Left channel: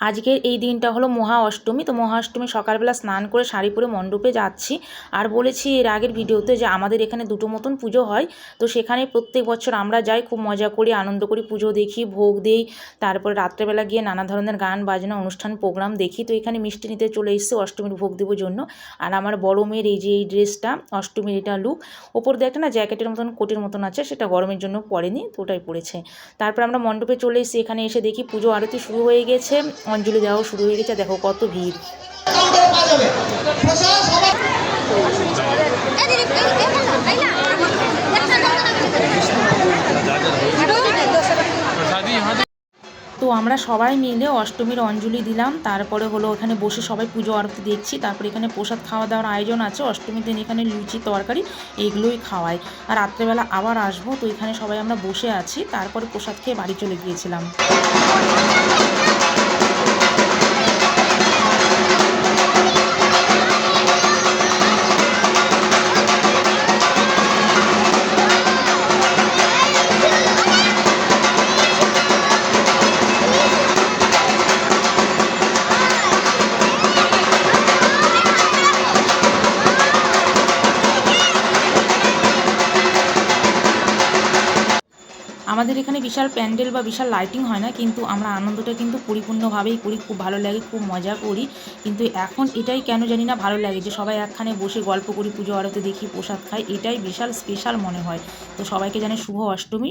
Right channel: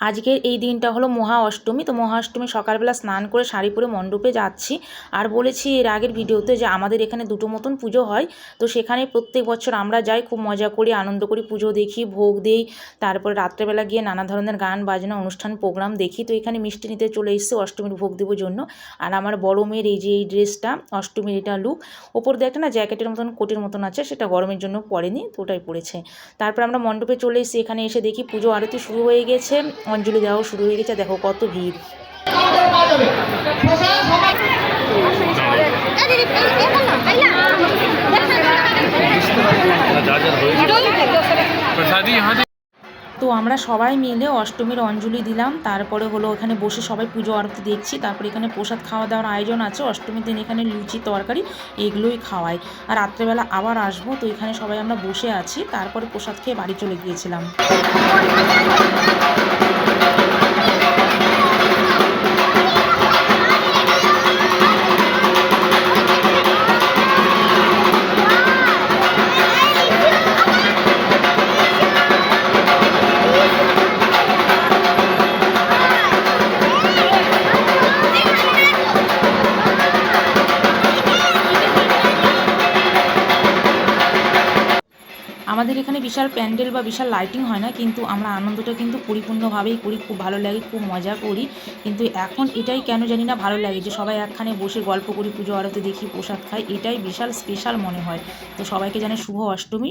আজকের এই দিনটা হলো মহা অষ্টমী। তো মহা অষ্টমী সকালবেলা স্নান করে শাড়ি পরে মণ্ডপে যাচ্ছি। আর বলেছি এর আগের ভিডিওতে যে আমাদের এখানে দুটো মতন পুজো হয়। তো সেখানে প্রত্যেক বছর আমরা যাই, খুব মজা করি, আনন্দ করি, পুজো দেখি, ভোগ দিই। তারপরে রাত্রেবেলা গিয়ে নানা ধরনের গান বাজনা অনুষ্ঠান প্রোগ্রাম দেখি। তো এখানে মিষ্টি নিতে চলে এসেছে অষ্টমীর ভোগ দেওয়ার জন্য। আর আমার বড় মেয়ের এই যে এই ড্রেসটা, অষ্টমীর এটা লুক, ওপর দিয়ে একটা না জ্যাকেটের মতন কোটের মতন আছে, সেটা গরমের জন্য পরেনি, তো ওটাই পরেছে। তারপর আমরা মণ্ডপে চলে এসেছি। এখানে এসে দেখি পুজো আরতি শুরু হয়ে গেছে, অঞ্জলি দেওয়াও শুরু হয়ে গেছে। দেখো কত ভিড়। তো আমরা সবাই মিলে অষ্টমীর অঞ্জলি দিলাম। তারপরে হলো এখানে বসে সবাই পুজো আরতি দেখছি। তারপরে এখানে প্রসাদ খাওয়া দাওয়ার আয়োজন আছে। অষ্টমীর দিন এখানে লুচি তরকারি এগুলোই খাওয়ায়। আর রাত্রেবেলা আবার আসবো। তো এখানে সবাই আমরা বসে আছি। তারপরে প্রসাদ খেয়ে বাড়ি চলে গিয়েছিলাম। আমাদের এখানে বিশাল প্যান্ডেল বা বিশাল লাইটিং হয় না, কিন্তু আমরা আনন্দটা কিন্তু পরিপূর্ণভাবেই করি, খুব ভালো লাগে, খুব মজা করি। কিন্তু এখন এটাই কেন জানি না ভালো লাগে যে সবাই একখানে বসে গল্প করি, পুজো আরতি দেখি, প্রসাদ খাই, এটাই বিশাল স্পেশাল মনে হয়। তো সবাইকে জানাই শুভ অষ্টমী।